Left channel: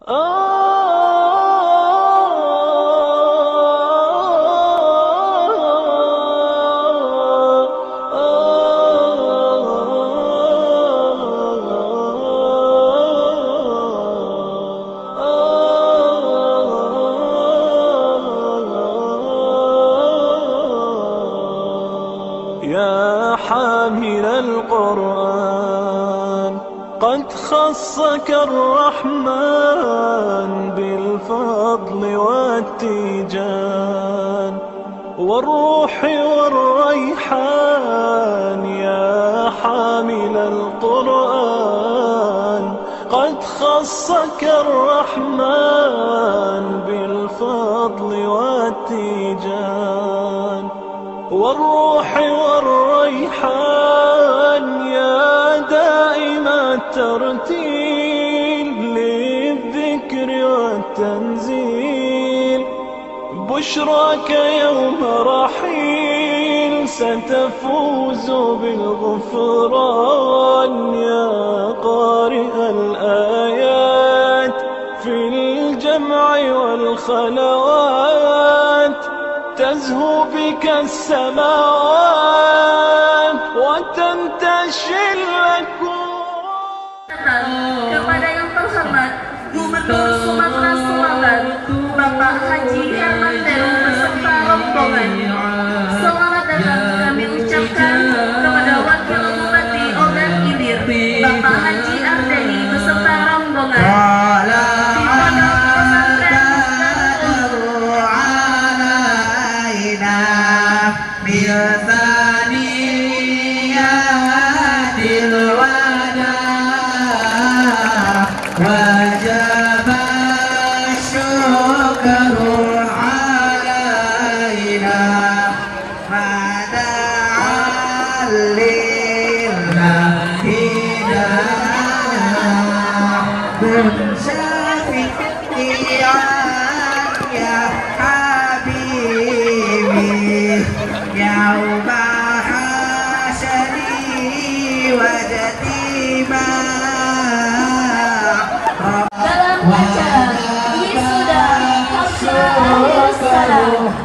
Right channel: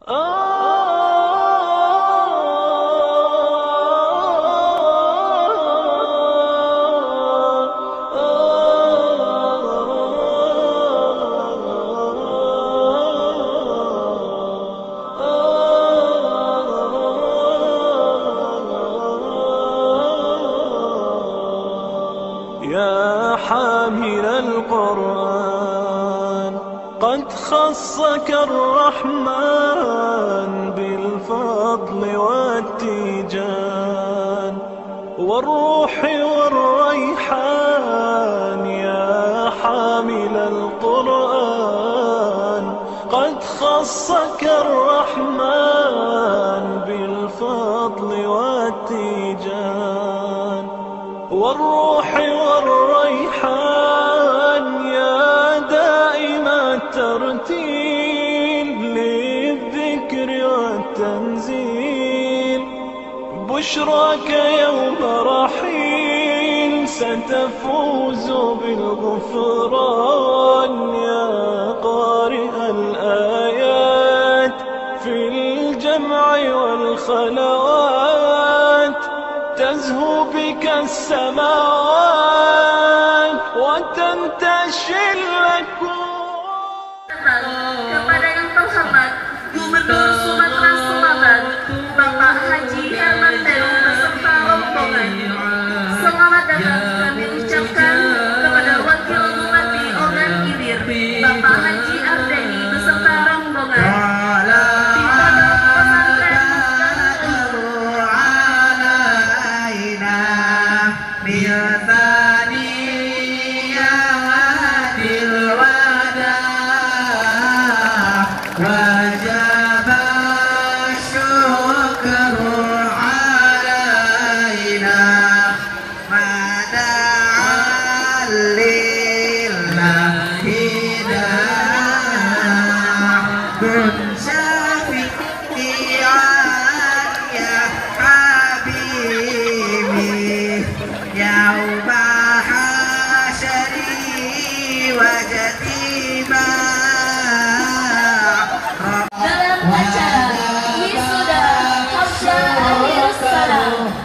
يا حامل القرآن قد خصك الرحمن بالفضل والتيجان والروح والريحان. يا حامل القرآن قد خصك الرحمن بالفضل والتيجان والروح والريحان. يا دائم الترتيل للذكر والتنزيل بشراك يوم رحيل ستفوز بالغفران. يا قارئ الآيات في الجمع والخلوات تزهو بك السماوات وتنتشي الأكوان. Kepada yang terhormat Gubernur Sumatera Selatan Bapak Haji Herman Deru beserta rombongan, selamat datang kami ucapkan kepada Wakil Bupati Ogan Ilir Bapak Haji Ardeni beserta rombongan di Pondok Pesantren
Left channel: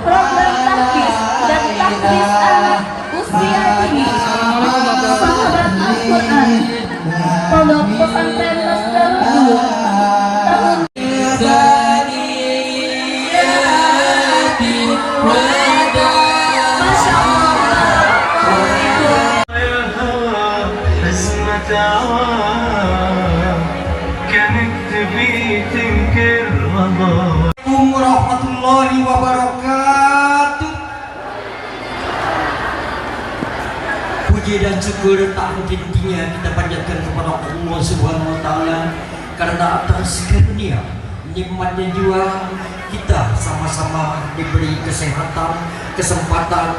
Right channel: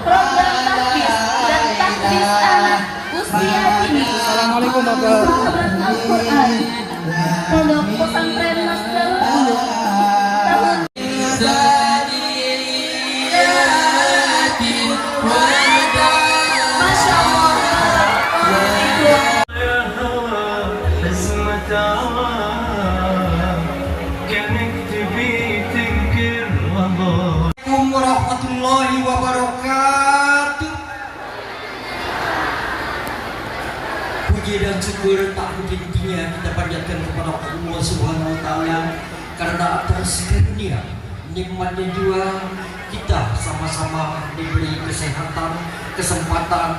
program tahfiz dan tahfiz anak usia dini sahabat Al-Quran Pondok Pesantren Masdarul Ulum tahun Masya Allah. Warahmatullahi wabarakatuh. Puji dan syukur tak henti-hentinya kita panjatkan kepada Allah Subhanahu wa taala karena atas karunia nikmatnya jiwa kita sama-sama diberi kesehatan, kesempatan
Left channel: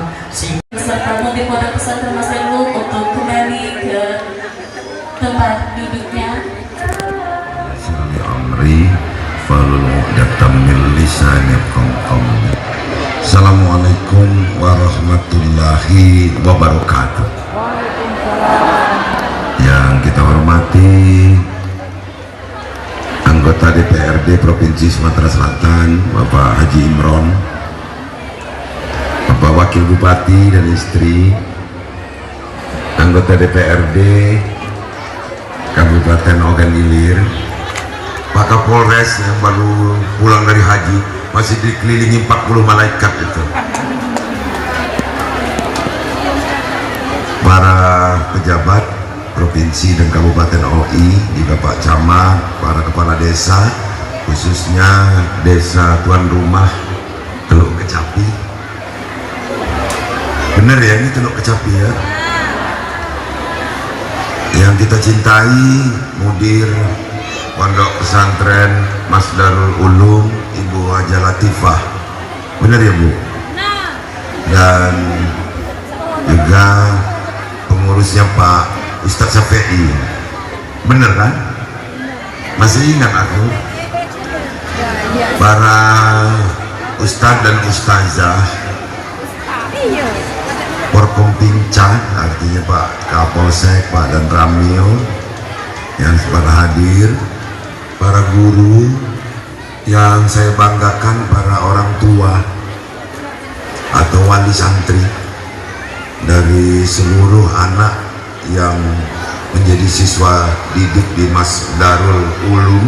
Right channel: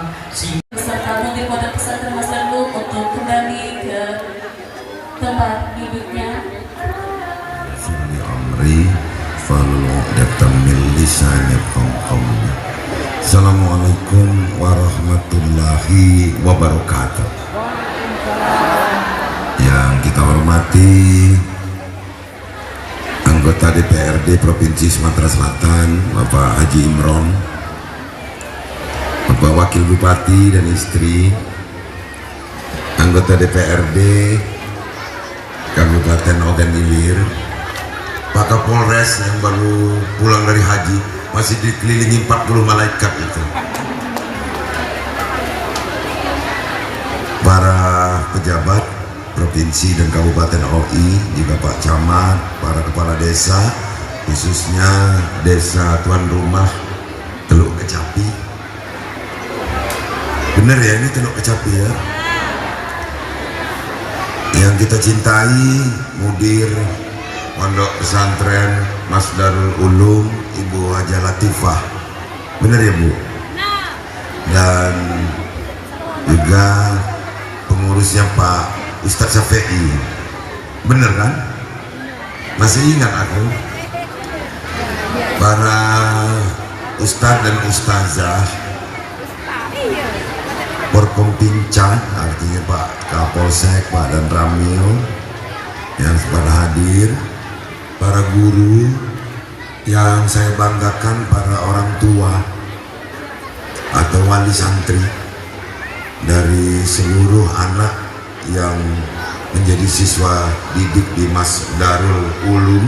serta di Pondok Pesantren Masdarul untuk kembali ke tempat duduknya. Assalamualaikum warahmatullahi wabarakatuh. Yang kita hormati anggota DPRD Provinsi Sumatera Selatan Bapak Haji Imron, Bapak Wakil Bupati dan istri, anggota DPRD Kabupaten Ogan Ilir, Pak Kapolres yang baru pulang dari haji, masih dikelilingi 40 malaikat itu. Para pejabat provinsi dan kabupaten OI, juga Pak Camat, para kepala desa, khususnya desa tuan rumah Teluk Kecapi. Bener ya, ini Teluk Kecapi ya. Yang kita cintai, mudir Pondok Pesantren Masdarul Ulum Ibu Haja Latifah, benar ya Bu? Dan juga pengurusnya Pak Ustadz Syafi'i, bener kan? Masih ingat aku? Para Ustadz dan Ustazah Porkompinca, artinya Pak Kapolsek, Pak dan Ramil yang pada hadir, para guru, yang saya banggakan para orang tua atau wali santri dari seluruh anak yang menjadi siswa didik di Mas Darul Ulum,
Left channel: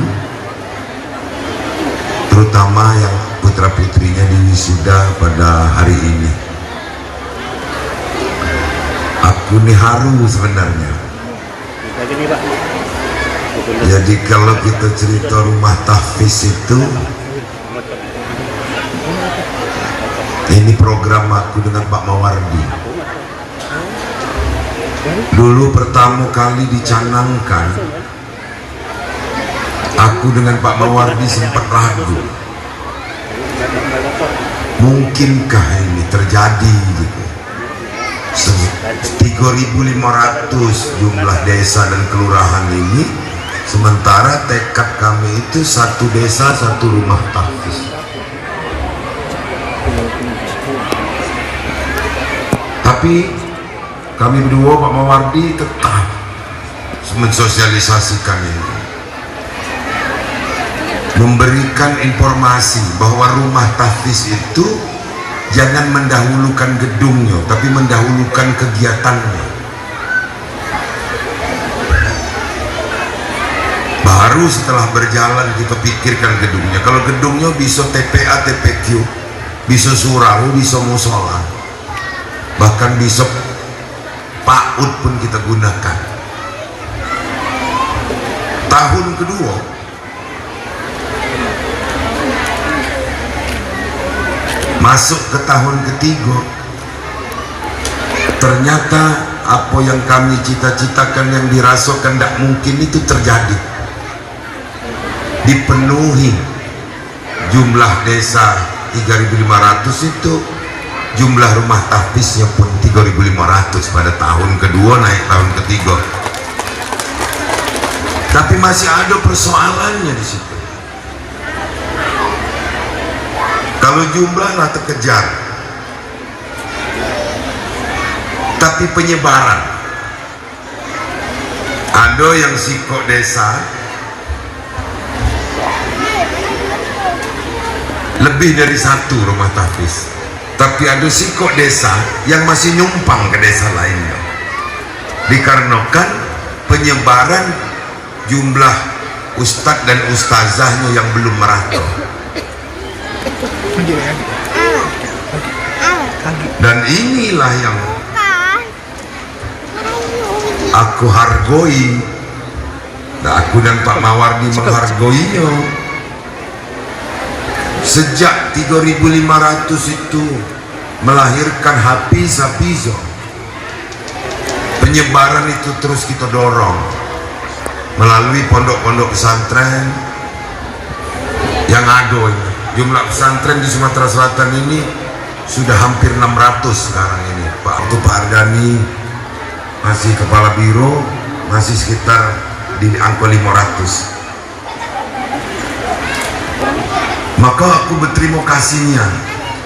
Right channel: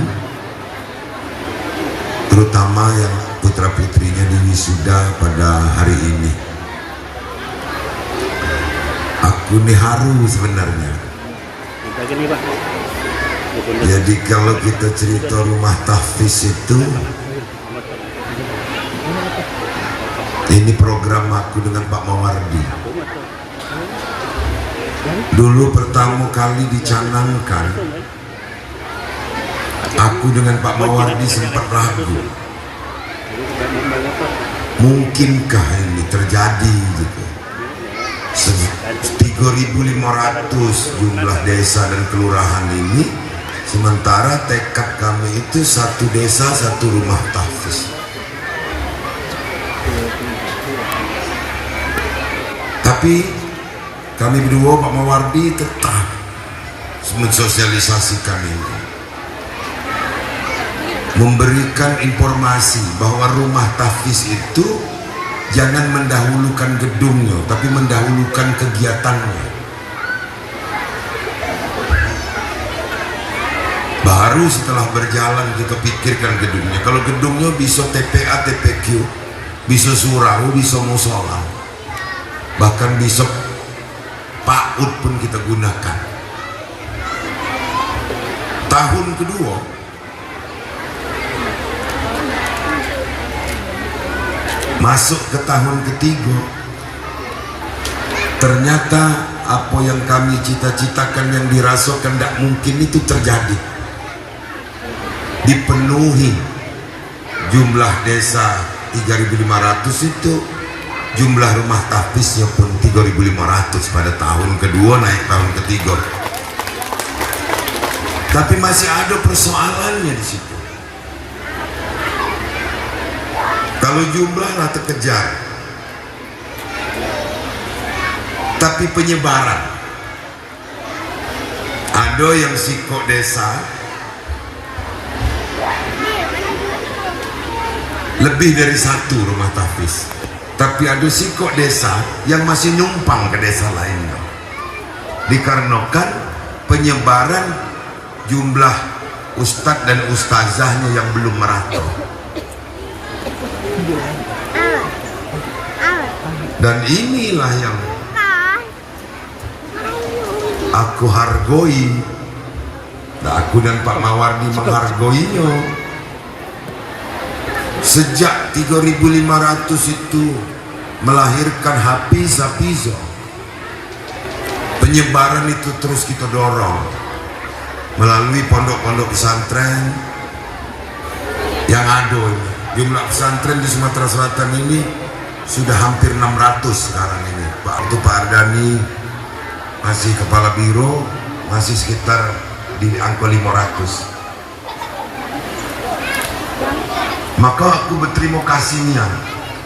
terutama yang putra putrinya diwisuda pada hari ini. Aku nih haru sebenarnya. Jadi kalau kita cerita rumah tahfiz itu, ini program aku dengan Pak Mawardi. Dulu pertama kali dicanangkan, aku dengan Pak Mawardi sempat ragu, mungkinkah ini terjadi gitu. 3.500 jumlah desa dan kelurahan ini, sementara tekad kami itu satu desa satu rumah tahfiz. Tapi kami berdua, Pak Mawardi, tetap mensosialisasikan ini, memberikan informasi bahwa rumah tahfiz itu jangan mendahulukan gedungnya, tapi mendahulukan kegiatannya. Baru setelah berjalan kita pikirkan gedungnya. Kalau gedungnya bisa TPA, TPQ, bisa surau, bisa musola, bahkan bisa PAUD pun kita gunakan. Tahun kedua masuk ke tahun ketiga, ternyata apa yang kami cita-citakan, yang dirasakan tidak mungkin itu terjadi. Dipenuhi jumlah desa 3.500 itu, jumlah rumah tahfiznya pun 3.500 pada tahun kedua naik tahun ketiga. Tapi masih ada persoalannya di situ. Kalau jumlah lah terkejar, tapi penyebaran, ada yang sikok desa lebih dari satu rumah tahfiz, tapi ada sikok desa yang masih numpang ke desa lainnya, dikarenakan penyebaran jumlah ustadz dan ustazahnya yang belum merata. Dan inilah yang aku hargoi, dan aku dan Pak Mawardi menghargoinya. Sejak 3.500 itu melahirkan hafiz-hafiz, penyebaran itu terus kita dorong melalui pondok-pondok pesantren yang ada ini. Jumlah pesantren di Sumatera Selatan ini sudah hampir 600 sekarang ini. Waktu Pak Ardani masih kepala biro, masih sekitar di angka 500. Maka aku berterima kasihnya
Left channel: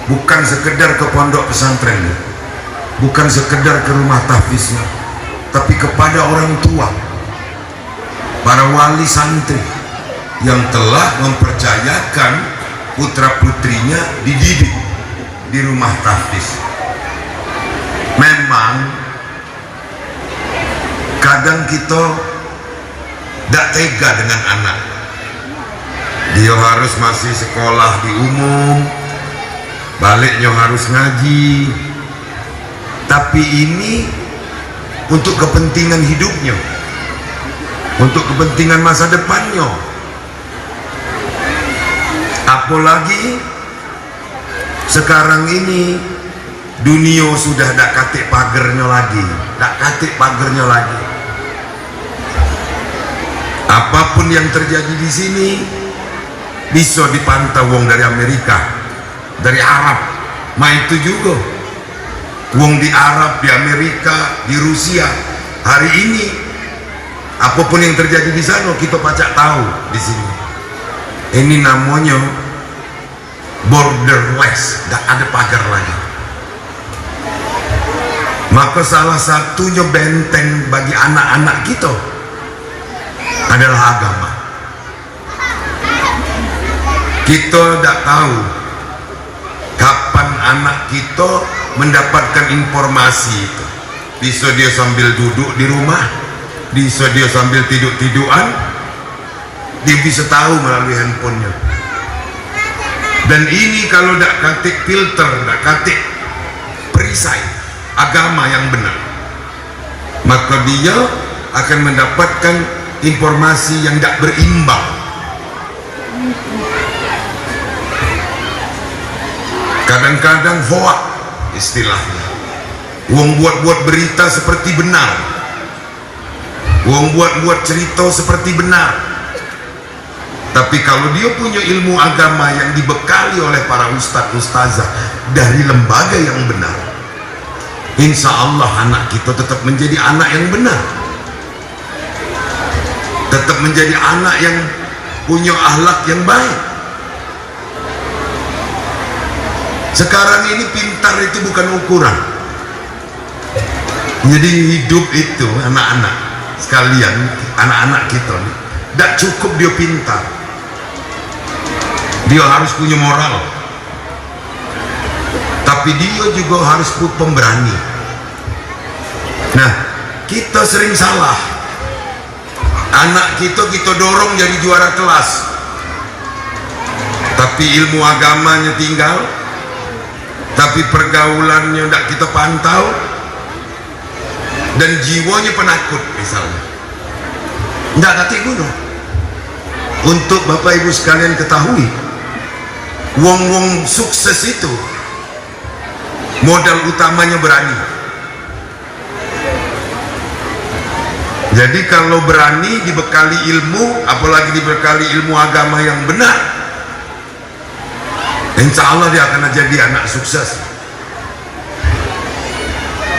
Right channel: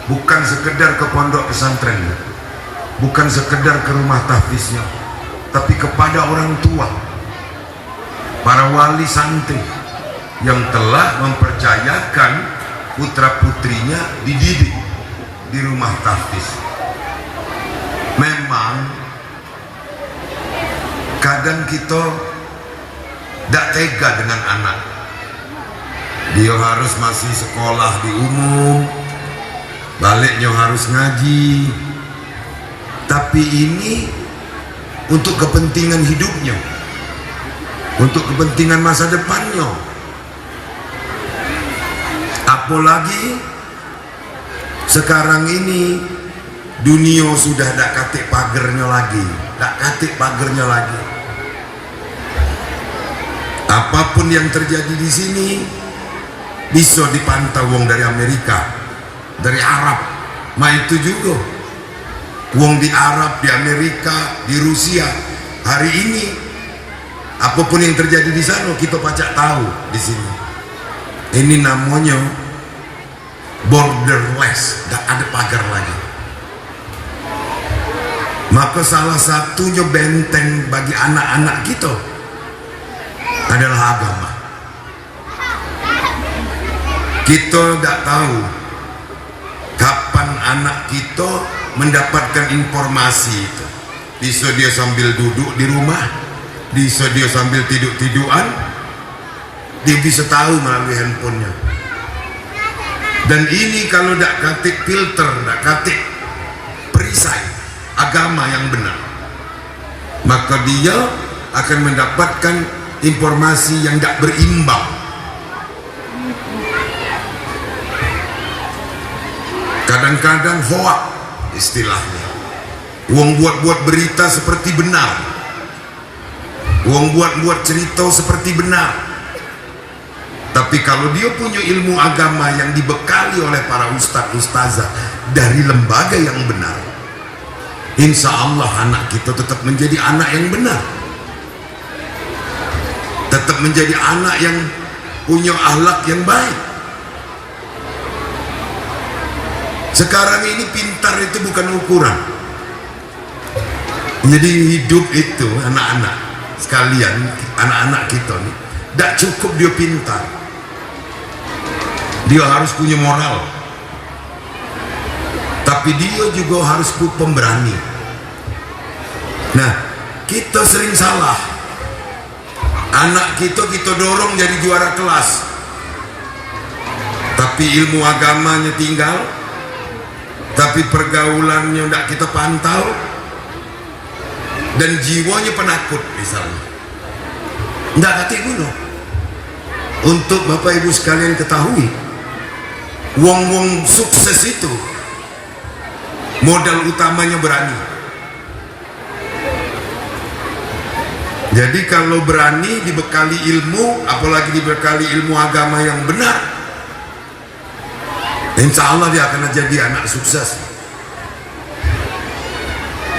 bukan sekedar ke pondok pesantren, bukan sekedar ke rumah tahfiznya, tapi kepada orang tua, para wali santri yang telah mempercayakan putra putrinya dididik di rumah tahfiz. Memang kadang kita tidak tega dengan anak, dia harus masih sekolah di umum, baliknya harus ngaji, tapi ini untuk kepentingan hidupnya, untuk kepentingan masa depannya. Apalagi sekarang ini dunia sudah tak katik pagernya lagi, tak katik pagernya lagi. Apapun yang terjadi di sini bisa dipantau wong dari Amerika, dari Arab, itu juga wong di Arab, di Amerika, di Rusia. Hari ini apapun yang terjadi di sana kita pacak tahu di sini. Ini namanya borderless, tidak ada pagar lagi. Maka salah satunya benteng bagi anak-anak kita adalah agama. Kita tidak tahu kapan anak kita mendapatkan informasi itu. Bisa dia sambil duduk di rumah, bisa dia sambil tidur-tiduran, dia bisa tahu melalui handphonenya. Dan ini kalau tidak katik filter, tidak katik perisai agama yang benar, maka dia akan mendapatkan informasi yang tidak berimbang. Kadang-kadang hoak istilahnya. Wong buat-buat berita seperti benar, wong buat-buat cerita seperti benar. Tapi kalau dia punya ilmu agama yang dibekali oleh para ustadz-ustazah dari lembaga yang benar, insya Allah anak kita tetap menjadi anak yang benar, tetap menjadi anak yang punya akhlak yang baik. Sekarang ini pintar itu bukan ukuran. Jadi hidup itu anak-anak sekalian, anak-anak kita nih, tidak cukup dia pintar, dia harus punya moral, tapi dia juga harus pemberani. Nah, kita sering salah. Anak kita dorong jadi juara kelas, tapi ilmu agamanya tinggal, tapi pergaulannya tidak kita pantau, dan jiwanya penakut misalnya. Tidak kata dulu. Untuk Bapak Ibu sekalian ketahui, wong-wong sukses itu modal utamanya berani. Jadi kalau berani dibekali ilmu, apalagi dibekali ilmu agama yang benar, insya Allah dia akan jadi anak sukses.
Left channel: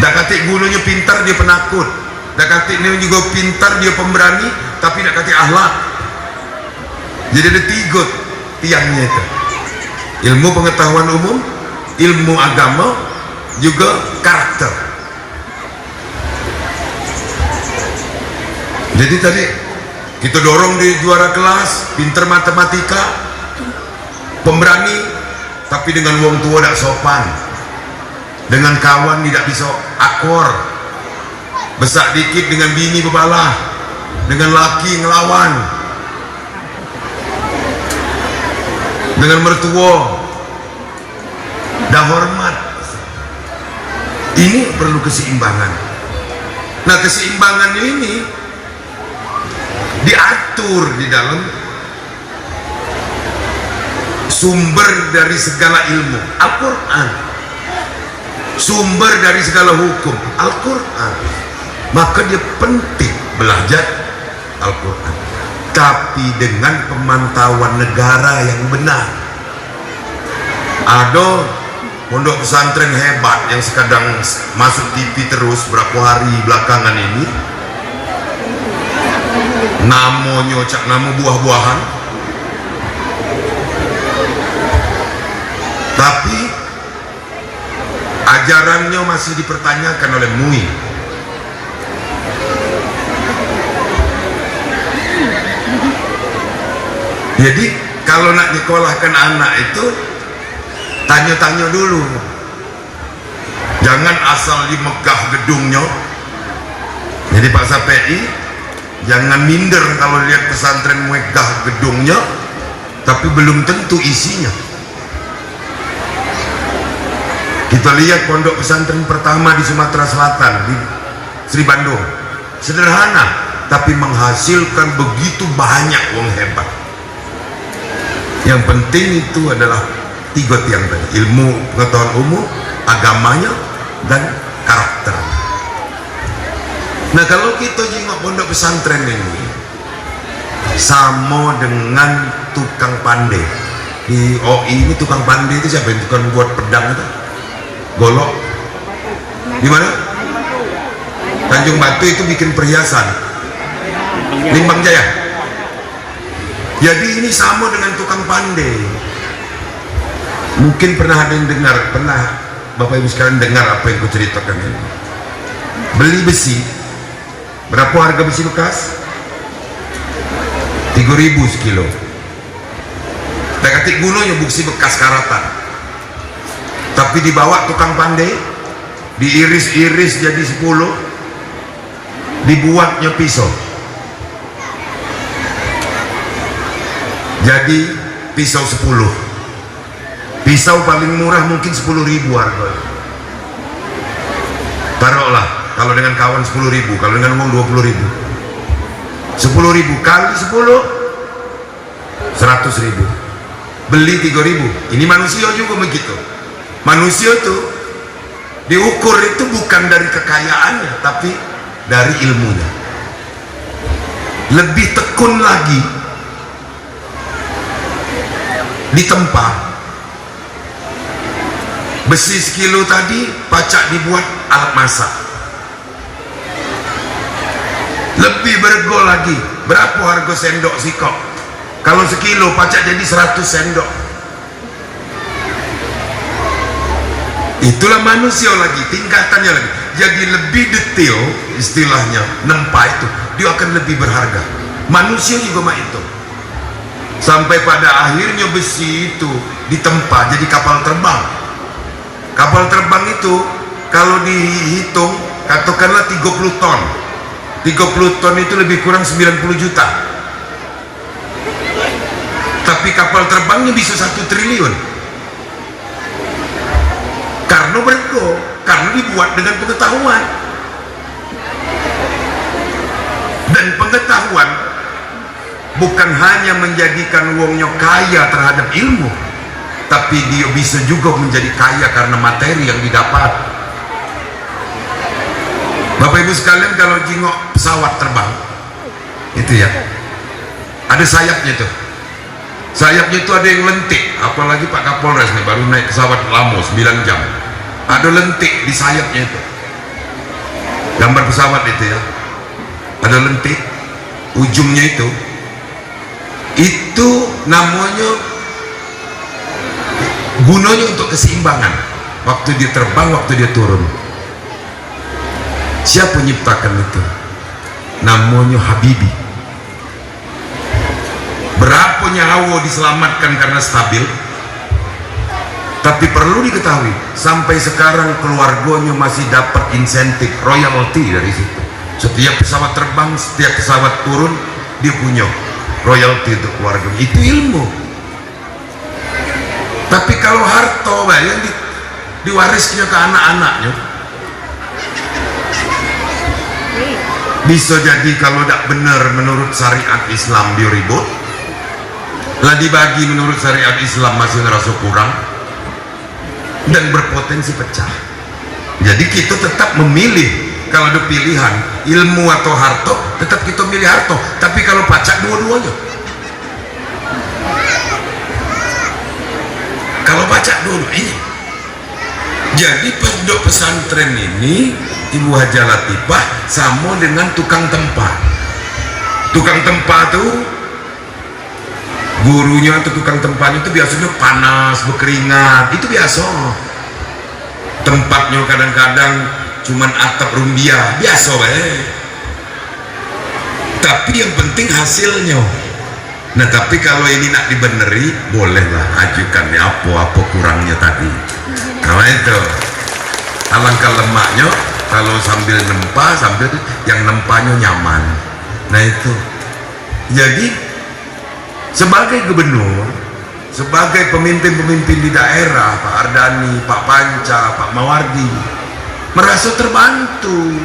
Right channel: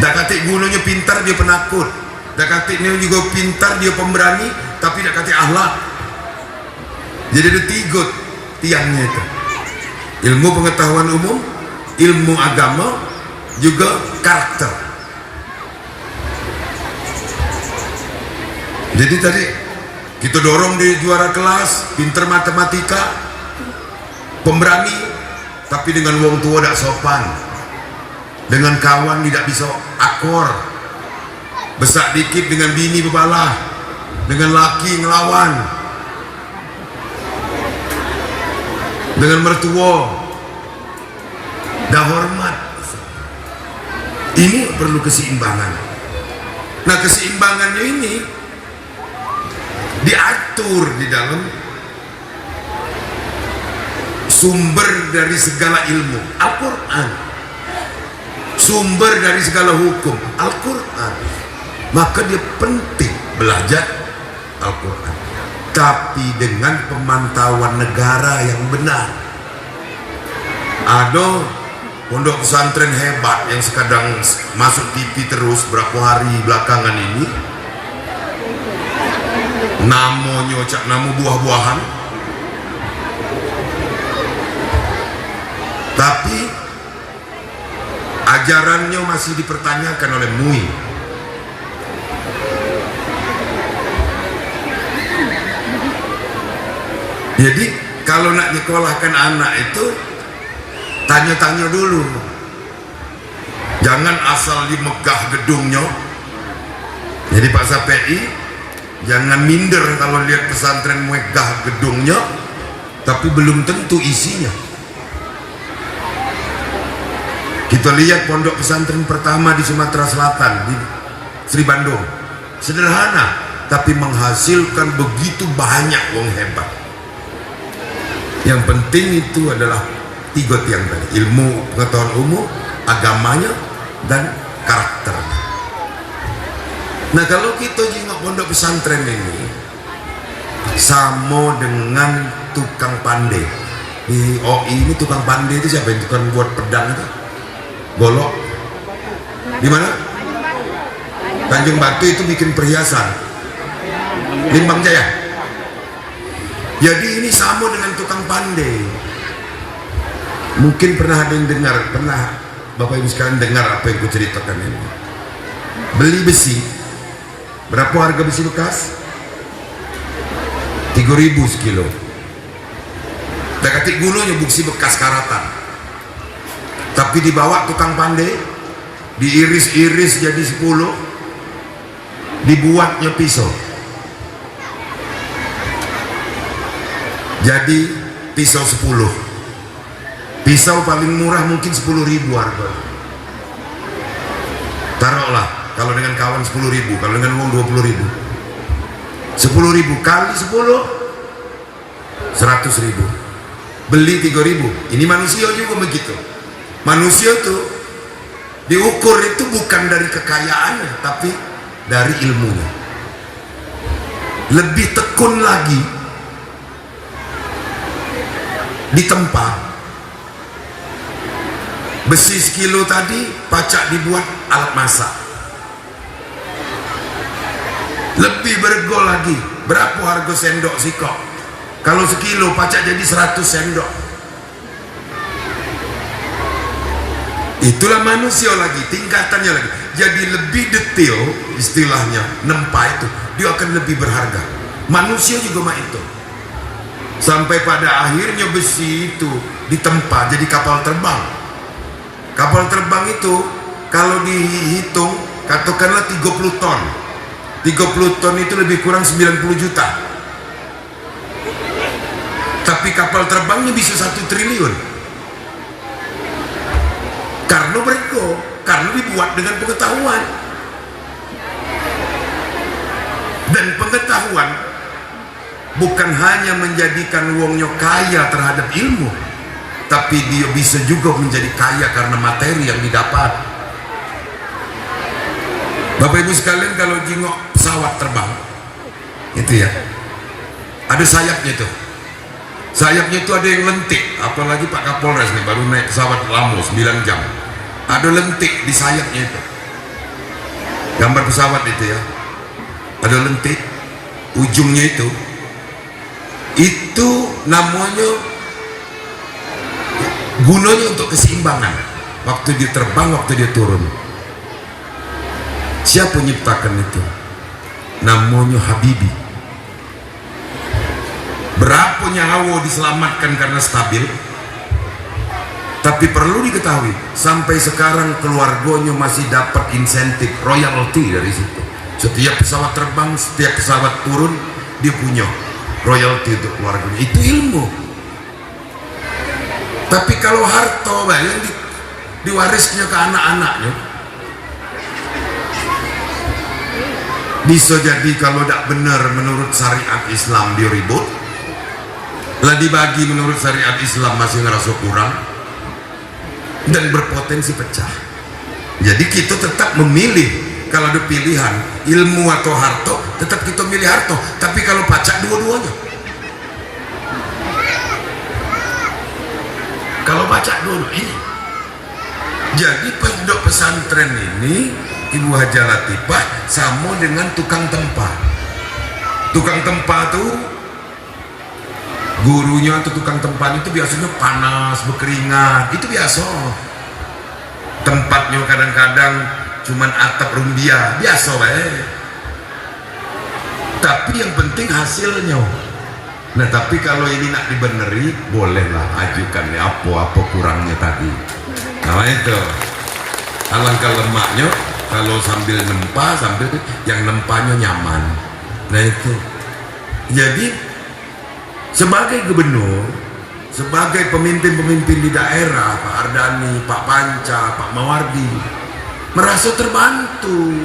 Tak kata gurunya pintar dia penakut, tak kata dia juga pintar dia pemberani, tapi tak kata akhlak. Jadi ada 3 tiangnya itu: ilmu pengetahuan umum, ilmu agama, juga karakter. Jadi tadi kita dorong di juara kelas, pintar matematika, pemberani, tapi dengan wong tua tidak sopan, dengan kawan tidak bisa akor, besak dikit dengan bini bebalah, dengan laki ngelawan, dengan mertua dah hormat. Ini perlu keseimbangan. Nah, keseimbangan ini diatur di dalam sumber dari segala ilmu, Al-Quran. Sumber dari segala hukum, Al-Quran. Maka dia penting belajar Al-Quran, tapi dengan pemantauan negara yang benar. Ada pondok pesantren hebat yang sekadang masuk TV terus berapa hari belakangan ini, namanya cak nama buah-buahan, tapi ajarannya masih dipertanyakan oleh MUI. Jadi kalau nak nyekolahkan anak itu tanya-tanya dulu, jangan asal di megah gedungnya. Jadi Pak Sapei jangan minder kalau lihat pesantren megah gedungnya tapi belum tentu isinya. Kita lihat pondok pesantren pertama di Sumatera Selatan, di Sri Bandung, sederhana tapi menghasilkan begitu banyak wong hebat. Yang penting itu adalah 3 tiang tadi: ilmu pengetahuan umum, agamanya, dan karakter. Nah, kalau kita jengok pondok pesantren ini sama dengan tukang pandai di OI. Ini tukang pandai itu siapa? Yang tukang buat pedang itu, golok di mana? Tanjung Batu itu bikin perhiasan, Limbang Jaya. Jadi ini sama dengan tukang pandai. Mungkin pernah ada yang dengar, pernah Bapak Ibu sekalian dengar apa yang kuceritakan ini. Beli besi, berapa harga besi bekas? 3.000 sekilo. Tekatik gunanya buksi bekas karatan, tapi dibawa tukang pandai, diiris-iris jadi 10, dibuatnya pisau, jadi pisau 10. Pisau paling murah mungkin 10.000 harga. Taruhlah kalau dengan kawan 10.000, kalau dengan uang 20.000, 10.000 kali 10 100.000, beli 3.000. Ini manusia juga begitu. Manusia tuh diukur itu bukan dari kekayaannya, tapi dari ilmunya. Lebih tekun lagi ditempa. Besi sekilo tadi pacak dibuat alat masak. Lebih bergo lagi. Berapa harga sendok sikok? Kalau sekilo pacak jadi 100 sendok. Itulah manusia lagi, tingkatannya lagi. Jadi lebih detail istilahnya, nempa itu dia akan lebih berharga. Manusia juga mah itu. Sampai pada akhirnya besi itu ditempa jadi kapal terbang. Kapal terbang itu kalau dihitung katakanlah 30 ton. 30 ton itu lebih kurang 90 juta. Tapi kapal terbangnya bisa 1 triliun. Karena bergo, karena dibuat dengan pengetahuan. Dan pengetahuan bukan hanya menjadikan wongnya kaya terhadap ilmu, tapi dia bisa juga menjadi kaya karena materi yang didapat. Bapak Ibu sekalian, kalau jingok pesawat terbang itu ya, ada sayapnya tuh. Sayapnya itu ada yang lentik, apalagi Pak Kapolres nih baru naik pesawat lama 9 jam. Ada lentik di sayapnya itu. Gambar pesawat itu ya. Ada lentik, ujungnya itu namanya gunanya untuk keseimbangan waktu dia terbang, waktu dia turun. Siapa menciptakan itu? Namanya Habibie. Berapa nyawa diselamatkan karena stabil. Tapi perlu diketahui, sampai sekarang keluarganya masih dapat insentif royalti dari situ. Setiap pesawat terbang, setiap pesawat turun, dia punya royalti untuk keluarganya. Itu ilmu. Tapi kalau harta yang diwarisnya ke anak-anaknya, bisa jadi kalau tidak benar menurut syariat Islam dia ribut, lah dibagi menurut syariat Islam masih ngerasa kurang, dan berpotensi pecah. Jadi kita tetap memilih. Kalau ada pilihan ilmu atau harta, tetap kita milih harta. Tapi kalau pacak dua-duanya, kalau pacak dua-duanya. Jadi pondok pesantren ini Ibu Haja Latifah sama dengan tukang tempat. Tukang tempat tuh gurunya atau tukang tempatnya itu biasanya panas, berkeringat, itu biasa. Tempatnya kadang-kadang cuman atap rumbia, biasa tapi yang penting hasilnya. Nah tapi kalau ini nak dibeneri, bolehlah ajukan ya apa kurangnya tadi. Nah itu alangkah lemaknya kalau sambil nempa, sambil yang nempanya nyaman. Nah itu jadi sebagai gubernur, sebagai pemimpin-pemimpin di daerah, Pak Ardani, Pak Panca, Pak Mawardi, merasa terbantu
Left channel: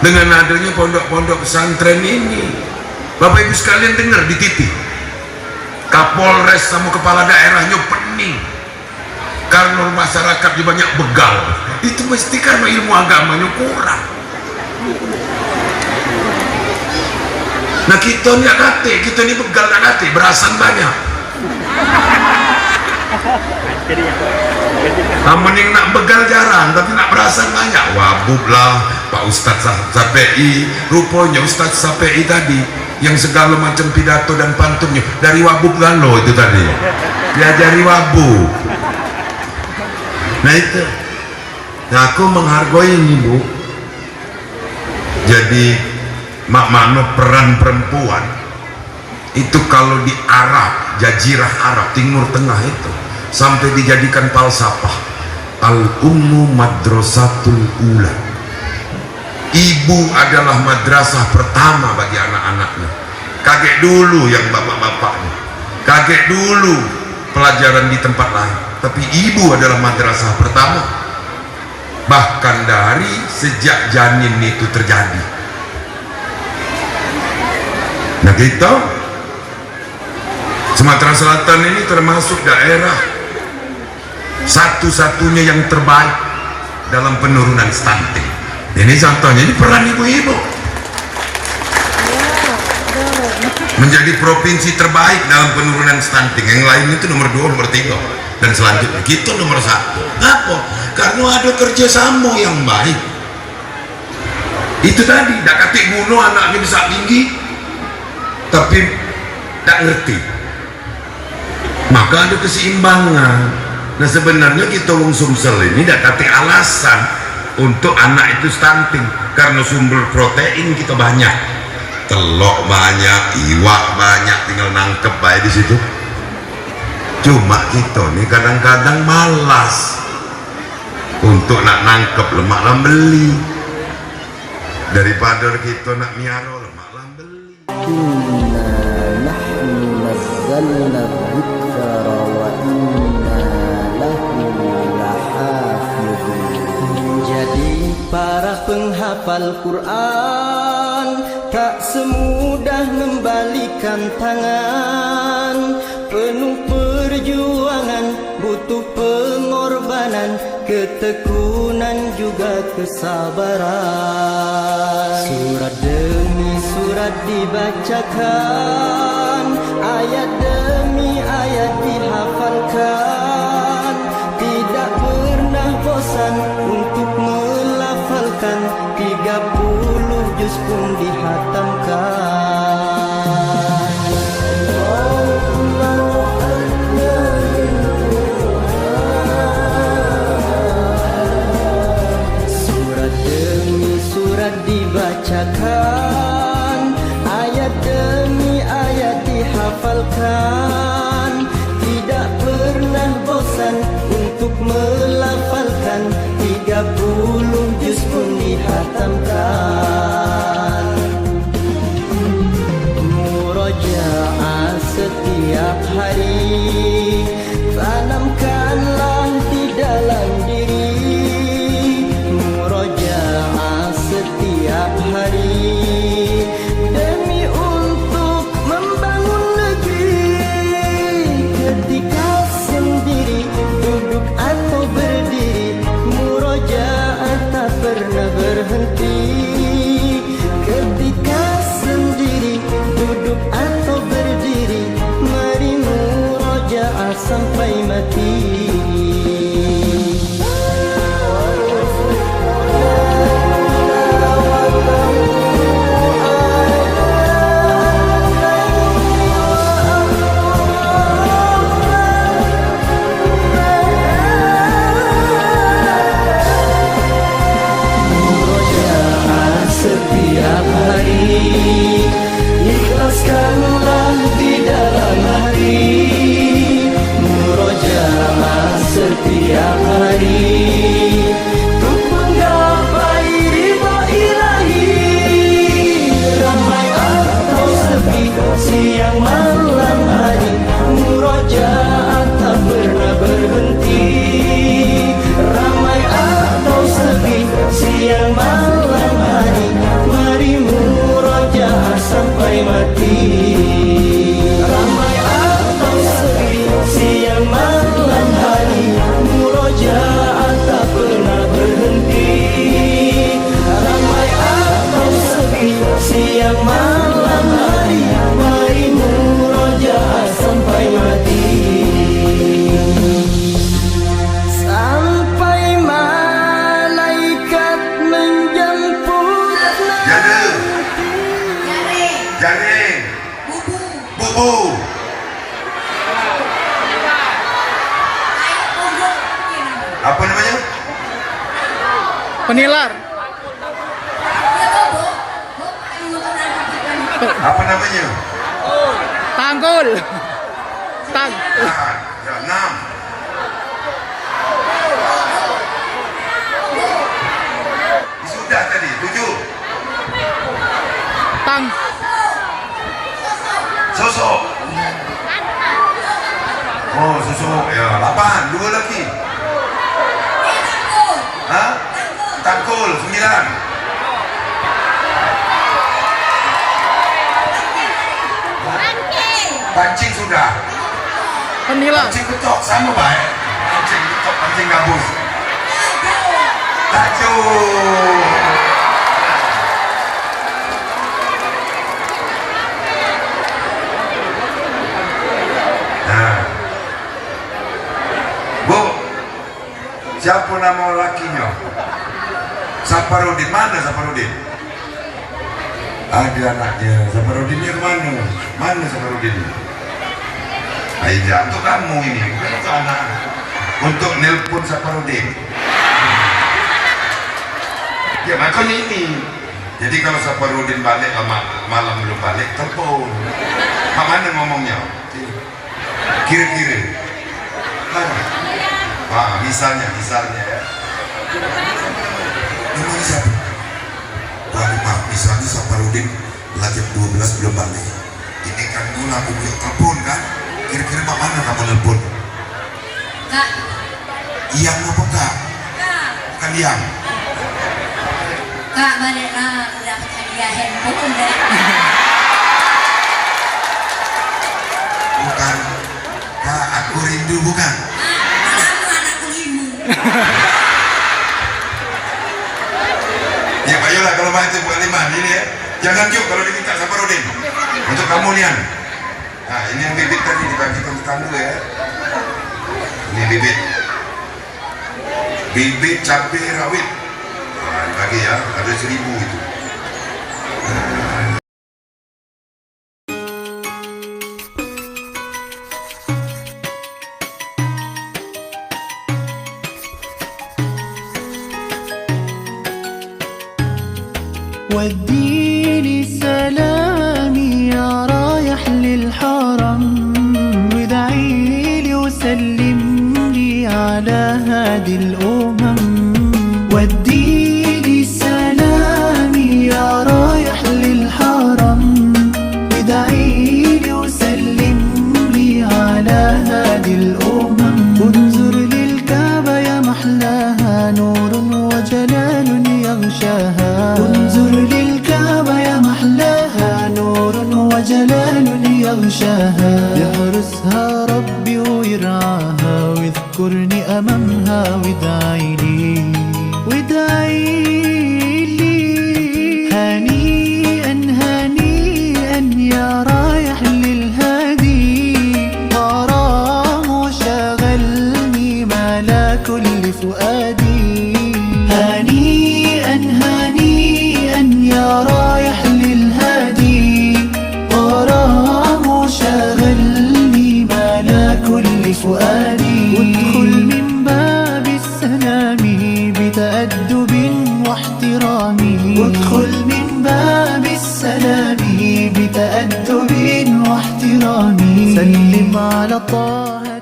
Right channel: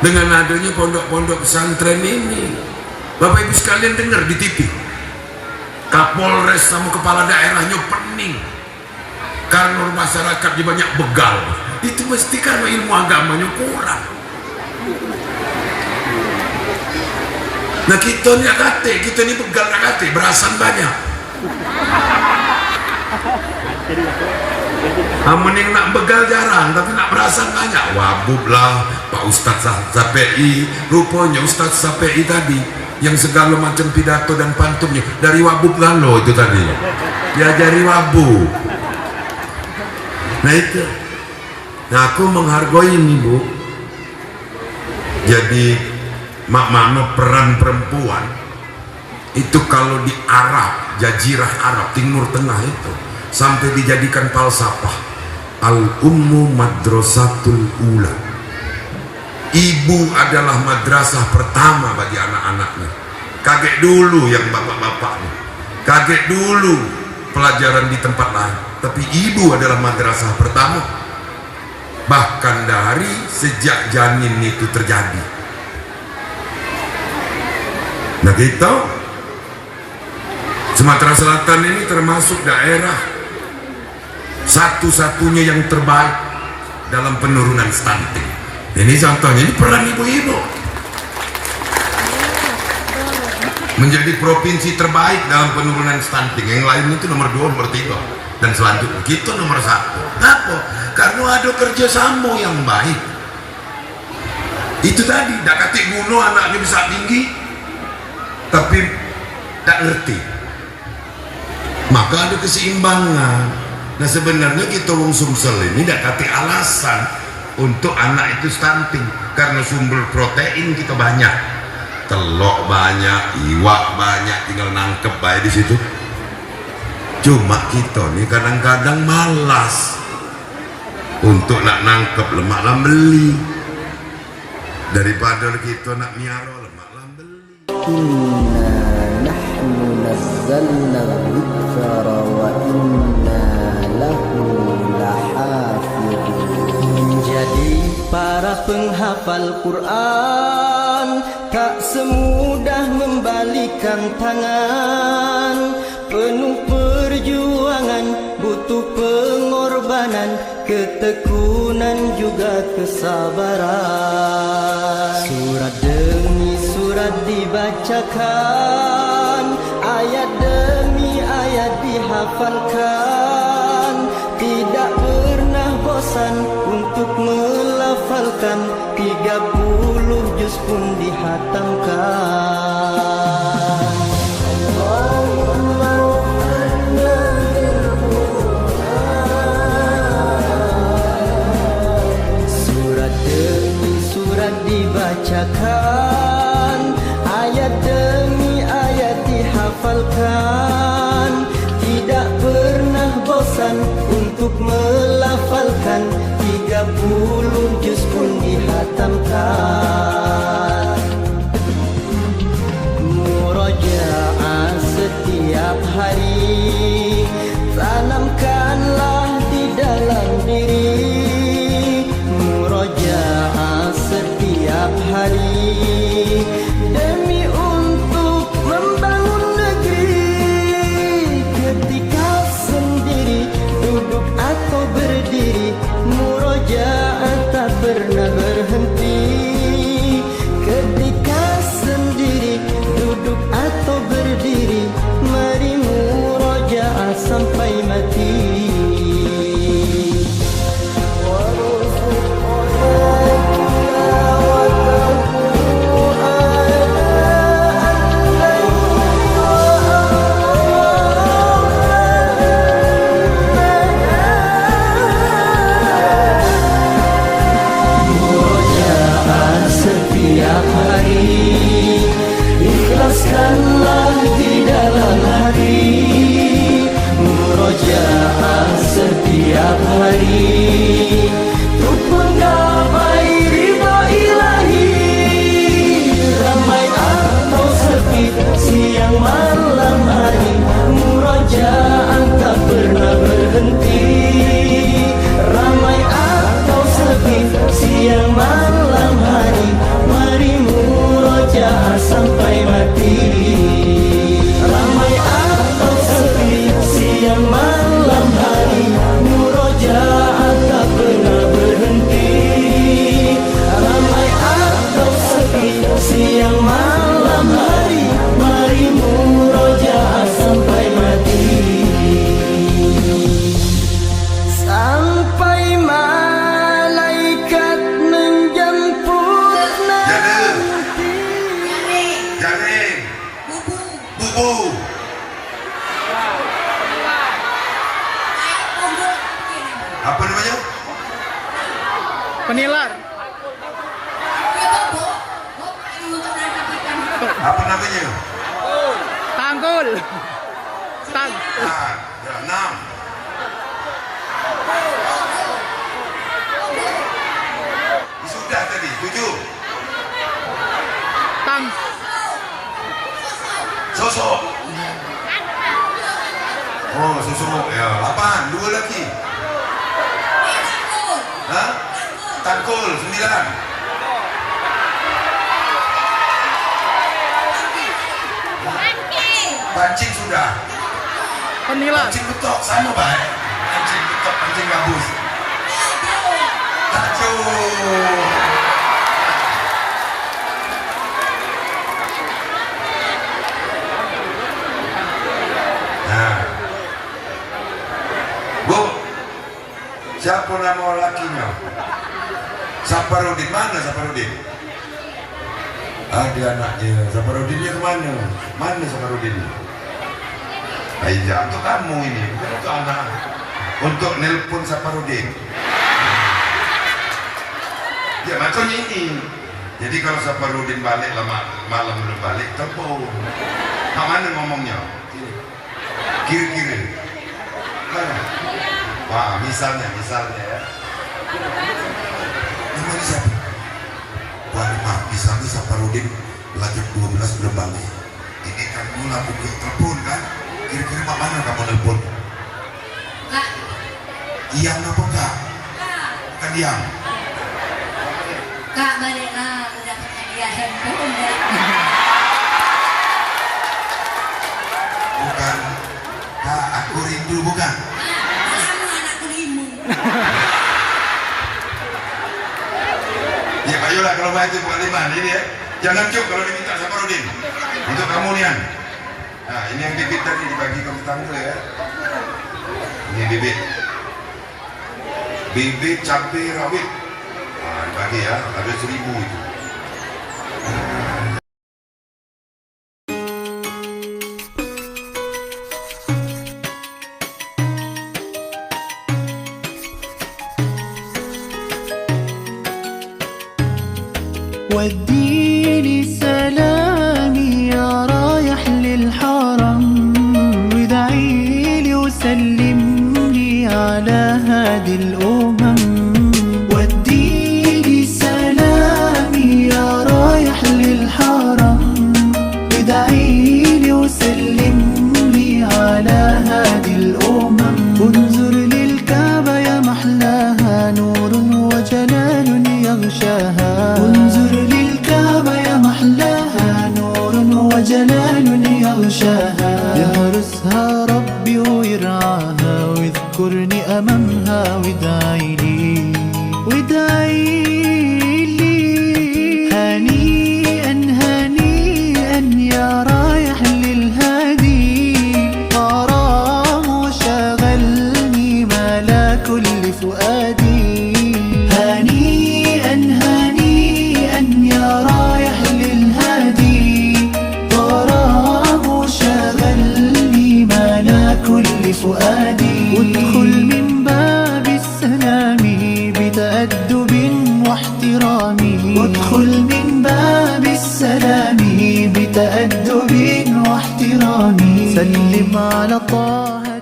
dengan adanya pondok-pondok pesantren ini. Bapak Ibu sekalian dengar di TV, Kapolres sama kepala daerahnya pening karena masyarakatnya banyak begal. Itu mesti karena ilmu agamanya kurang. Nah kita ini agate, kita ini begal agate, berasan banyak. Mending nak begal jarang, tapi nak berasan banyak. Wabub lah Pak Ustadz Sapei, rupanya Ustadz Sapei tadi yang segala macam pidato dan pantunnya dari Wabub Galo itu tadi, diajari Wabub. Nah itu, nah aku menghargai ini Bu. Jadi makna peran perempuan Itu kalau di Arab, Jazirah Arab, Timur Tengah itu sampai dijadikan falsafah. Al-ummu madrasatul ula. Ibu adalah madrasah pertama bagi anak-anaknya. Kaget dulu yang bapak-bapaknya, kaget dulu pelajaran di tempat lain, tapi ibu adalah madrasah pertama. Bahkan dari sejak janin itu terjadi. Nah, kita Sumatera Selatan ini termasuk daerah satu-satunya yang terbaik dalam penurunan stunting. Ini contohnya, ini peran ibu-ibu menjadi provinsi terbaik dalam penurunan stunting. Yang lain itu nomor 2, nomor 3, dan selanjutnya kita nomor 1. Kenapa? Karena ada kerjasama yang baik. Itu tadi, tak katik bunuh anaknya bisa tinggi tapi tak ngerti, maka ada keseimbangan. Nah, sebenarnya kita wong Sumsel ini tak katik alasan untuk anak itu stunting, karena sumber protein kita banyak, telok banyak, iwak banyak, tinggal nangkep baik di situ. Cuma kita nih kadang-kadang malas untuk nak nangkep, lemak lah beli, daripada kita nak miara lemak lah beli. Inna nahnu nazzalna dzikra wa inna lahu lahafidun. Menjadi para penghafal Quran tak semudah membalikan tangan. Penuh perjuangan, butuh pengorbanan, ketekunan juga kesabaran. Surat demi surat dibacakan, ayat demi ayat dihafalkan. Tidak pernah bosan untuk melafalkan, 30 juz pun dihatamkan. Surat demi surat dibacakan, ayat demi ayat dihafalkan. Tidak pernah bosan untuk melafalkan, 30 juz pun dihatamkan. Murojaah setiap hari, tanamkanlah di dalam diri. Murojaah setiap hari demi untuk membangun negeri. Ketika sendiri, duduk atau berdiri, murojaah tak pernah berhenti. Ketika sendiri, duduk atau berdiri, mari murojaah sampai mati. Setiap hari, ikhlaskanlah di dalam hati. Murojaah setiap hari untuk menggapai ridha ilahi. Ramai atau sepi, siang malam hari, murojaah tak pernah berhenti. Ramai atau sepi, siang malam hari, mari murojaah sampai mati. Ramai atau sepi, siang malam hari, murojaah tak pernah berhenti. Ramai atau sepi, siang malam hari, mari murojaah sampai mati. Sampai malaikat menjemput nanti. Jaring, bubu, apa namanya? Penilar. Apa namanya? Tanggul. Tang. Ya, 6. Sudah tadi 7. Tang. Sosok. Oh, sosok. Ya, 8. 2 lagi. Hah? Tangkul 9. Pancing sudah. Penila. Pancing betok sama baik. Pancing betok, pancing gabus. Tajuk. Nah. Bu, siapa nama lakinya? Saparudin, mana Saparudin? Ada anaknya. Saparudinnya kemana? Mana Saparudin? Aida, untuk kamu ini, bukan untuk anak. Untuk nelpon Saparudin. Ya macamnya ini. Jadi kalau Saparudin balik malam belum balik, telepon. Mana ngomongnya? Kira-kira. Wah, misalnya ya. Namanya siapa? Pak, misalnya Saparudin lagi 12 belum balik. Ini kan mula punya telepon kan? Kira-kira mana kamu telepon? Kak. Iyang apa kak? Bukan Iyang. Kak, balik lah. Udah punya dia handphone deh. Bukan. Kak, aku rindu bukan? Anakku imu. Ya ayolah kalau main itu bukan 5 ini ya. Jangan cuk kalau diminta Saparudin. Untuk kamu Nian. Nah ini yang bibit tadi dibagikan tetangga ya. Ini bibit. Bibit cabai rawit. Nah dibagi ya, ada 1000 itu. وديني سلامي يا رايح للحرم وادعيلي وسلم لي على هادي الأمم وديني سلامي يا رايح للحرم وادعيلي وسلم لي على هادي الأمم انظر للكعبة يا محلاها نور وجلال يغشاها انظر للكعبة يا محلاها نور وجلال يغشاها يحرسها ربي ويرعاها واذكرني أمامها وادعي لي هنيئا هنيئا يا رايح للهادي غرام شغلني ملا كل فؤادي هنيئا هنيئا يا رايح للهادي غرام شغلني ملا كل فؤادي وادخل من باب السلام بتأدب واحترام وادخل من باب السلام بتأدب واحترام سلم على طه